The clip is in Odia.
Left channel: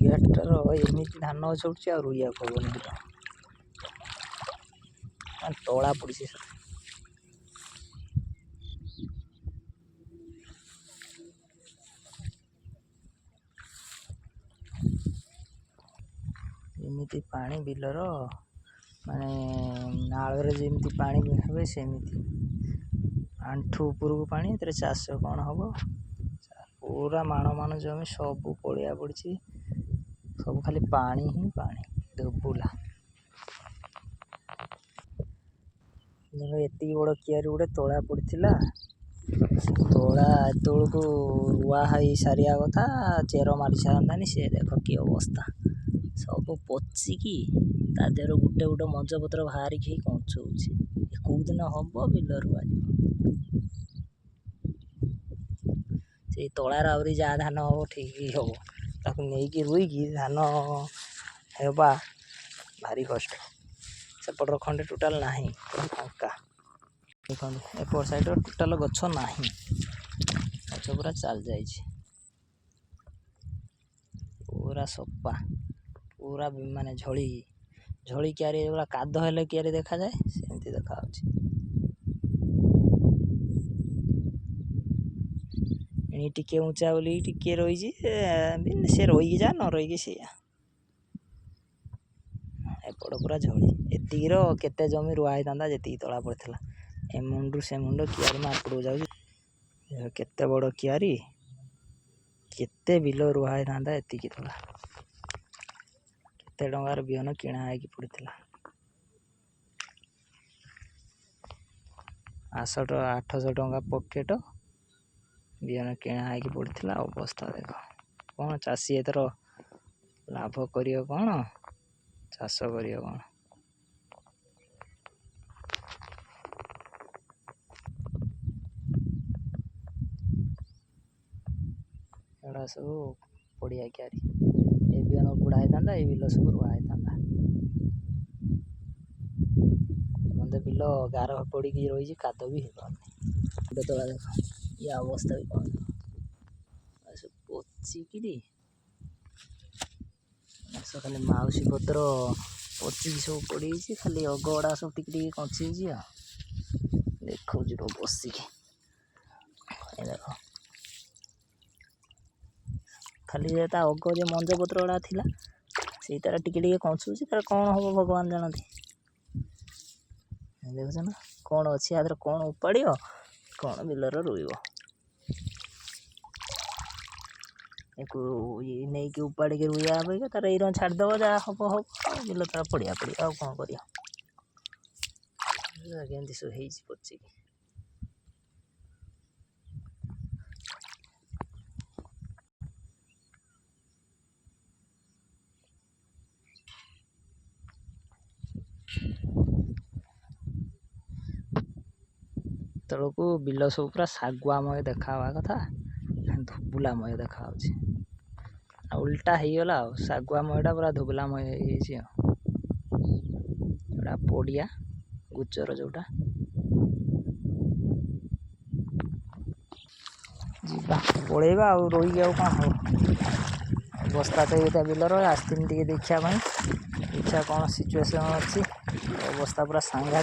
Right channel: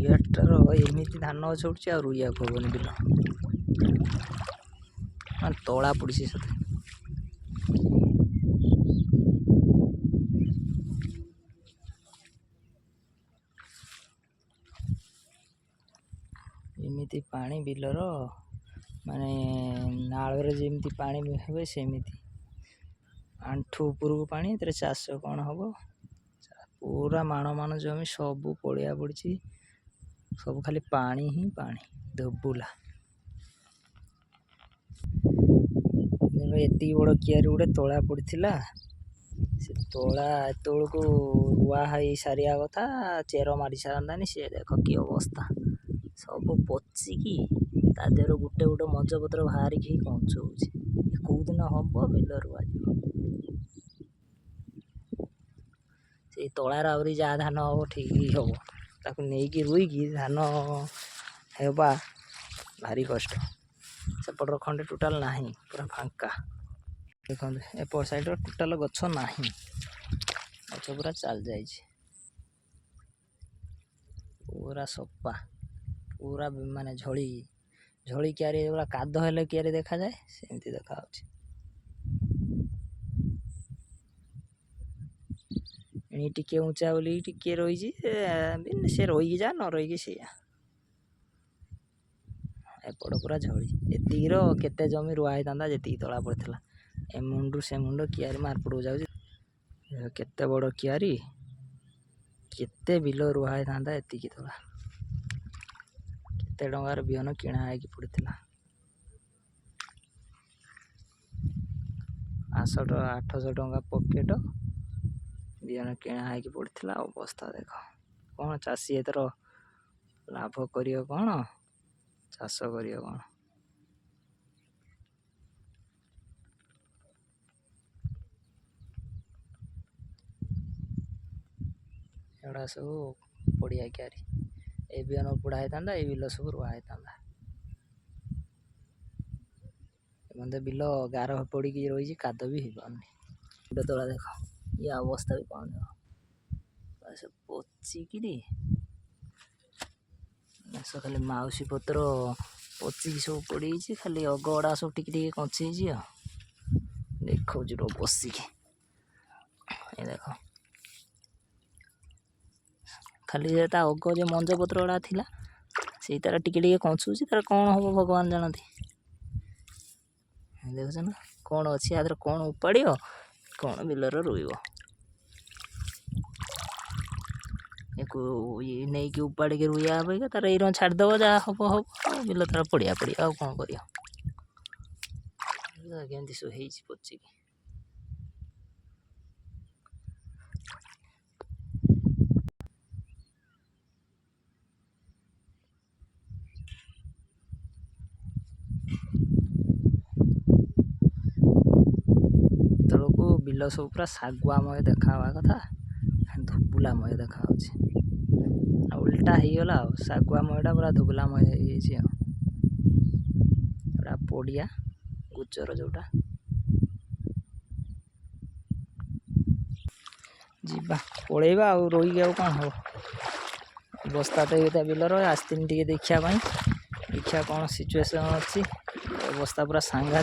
କିଆଟାର ଏମିତି ଧାନ ଗଛ ଉଠୁଛି ଆଉ ରୋଇବାକୁ ହବନି ବିଲ, ମାନେ ତଳା ପଡ଼ିଛି ସେଥିରେ। ଏମିତି ପାଣି ବିଲର, ମାନେ ନାଳରେ ଯେମିତି ପାଣି ହୁଏ ସେମିତି ଆଣ୍ଠୁ ଉପରକୁ ପାଣି। ଏଥିରେ ଚାଷ କ'ଣ ହବ? ପୁରା ମାଣ ମାଣ ଜମି ସବୁ ପଡ଼ିଆ ପଡ଼ିଛି, ସବୁ ଖାଲି ପାଣି ହିଁ ପାଣି, ଧୋବୁଲା। ଏତିକି ବଡ଼ କିଆରି ଗୋଟେ ତଳା ପଡ଼ିଥିଲା, ତଳା ଏତେବେଳକୁ ରୁଆ ହେଇ ସାରିବା କଥା, ଚେର ମାରି ସାରନ୍ତାନି। ସେ ଦେଖ କି ଅବସ୍ଥା, ସବୁ ପଚିକି ତା ଦେହରୁ ଗୋଟେ ଗୋଟେ ମଞ୍ଜପତ୍ର ବାହାରିକି କଞ୍ଚଉଛି। କେଉଁଦିନ ହବ ବିଲ ରୁଆଯିବ। ସେଇ ତଳାର ଆହୁରି ଯାହା ଧାନ ହବ ଠିକ୍ ହବ, ତାକୁ ନେଇକି ରୋଇକି ଧାନ ହେବା ଭାରି କଷ୍ଟ। ସେପଟର ଖଣ୍ଡେ ଟୋଟାଲ ନାହିଁ, ପୁରା ଫାଙ୍କା। ଦେଖନ୍ତୁ ଏପଟ ସାଇଡ଼ର ଟୋଟାଲ ଗଛ ନାହିଁ, ଗଛ ପୁରା ଚାଲି ଯାଇଛି, ପୁରା ସଫା, ପୁରା ମାନେ ଝଳି କିଆରି, ପୁରା କାଦ ହେଲେ କିଆରି ଦେଖାଯାଏ ସେମିତି ଦେଖାଯାଉଛି। ଏଣି ଟିକେ ଉଞ୍ଚା ବୋଲି ଟିକେ ରହିଛି, ସେ ରହିକି ଯା ନ ରହିକି ସେଇଆ। ଏପଟ ପୁରା ଝଳି। ଏତିକିର କେତେ ଜମି ରୁଆ ହେଇଥାନ୍ତା ଯେତିକି ତଳା ପଡ଼ିଥିଲା। ଏ ମୁଣ୍ଡରୁ ସେ ମୁଣ୍ଡ କିଆରି ମାର୍ପଟକୁ ଯାଉଛି। କେତେ ବଡ଼ କିଆରି, କେତେ ବିଲ ରୁଆ ହେଇଥାନ୍ତା ଏତିକି ତଳା। କେତେ ଟଙ୍କାର ବିହନ କିଣା ହେଇକି ପଡ଼ିଥିଲା। 800 ଟଙ୍କା ପକେଟ ବିହନ କିଣା ହେଇକି ପଡ଼ିଥିଲା। ଅବସ୍ଥା ଦେଖ, କ'ଣ ଚାଷୀ ଏଥର ଲାଭ କରିବ, କ'ଣ ଚାଷ କରିବ କ'ଣ? ଏଗୁଡ଼ା ସବୁ ପଡ଼ିଆ କିଆରି। ଏ ବିହନ ପୋଡ଼ା ହେଇଥାନ୍ତା, ଏଇ ବିଲ ସବୁ ରୁଆ ହେଇଥାନ୍ତା। ଏମାନେ ବିଲ ଗାର ପଡ଼ିକି ରହିଛି, କାଦ ବି ହେଇପାରୁନି। ଗୋଟେ ତଳା ଦେଖ, ଇଏ ଅବସ୍ଥା ବି କ'ଣ ଦେଖ, ସବୁ ପଚିକିରି ଖାଲି ମାଉସୀ ପତ୍ର ପଚିକି ସବୁ ପଡ଼ିଯାଇଛି, ଖାଲି ଅଗ ଗୁଡ଼ା ସବୁ ଟିକେ ଟିକେ କଞ୍ଚି ହେଇଛି। ଆଉ ଦେଖଉଛି ରୁହ ବସିକି, ଏ ଦେଖ ଖାଲି ତା ଅଗ ଯେ ମଞ୍ଜ ପତ୍ର ଗୁଡ଼ା ଥିଲା ସେଇ ତାର ଟିକେ ଟିକେ କଞ୍ଚୁଛି। ତାର କ'ଣ ହବ ଭଗବାନ ଜାଣନ୍ତି। ଦେଖୁଛ ନା କ'ଣ ଅଛି ଆ ଦେହରେ, କ'ଣ ଉପାଡ଼ିବ, କ'ଣ ବିଲର ରୋଇବ। ନେଇକି ଉପାଡ଼ିକି ରୋଇବା ଅପେକ୍ଷା ତାର ଏଇର ଛାଡ଼ିଦେବ, ଯାହା ହବ ହବ। ବିଲ ତାର ପଡ଼ିଆ ଆଉ କ'ଣ କରିବ। କେମିତି ସବୁ ହେଇଛି ପଚିକି। ତେଳକୁ ବିଲ ସବୁ ପୁରା ଶାଗୁଆମୟ ଦେଖା ହେବା କଥା, ଧୁବୁଲାମୟ ଦେଖାହେଉଛି। ଆଉ ଉଲ୍ଟା ହେଇଗଲା, ଆଉ ଶାଗୁଆମୟଟା ପୁରା ଧୁବୁଲାମୟ ହେଇଯାଇଛି। ଆଉ ଏଇଟା ପଡ଼ିଆ ଗୋଚର ଯେଉଁଟା। ଯିବା ପଳେଇବା ଆଉ ରହିକି ଆଉ କ'ଣ ହବ। ଅବସ୍ଥା ତ ଏଇଟା ବିଲର। ଆସିଥିଲି ଟିକେ ଦେଖିବା ପାଇଁ, ଦେଖିବା କ'ଣ ସିଚୁଏସନ୍ ଅଛି। ଅବସ୍ଥା ପୁରା ସାଂଘାତିକ।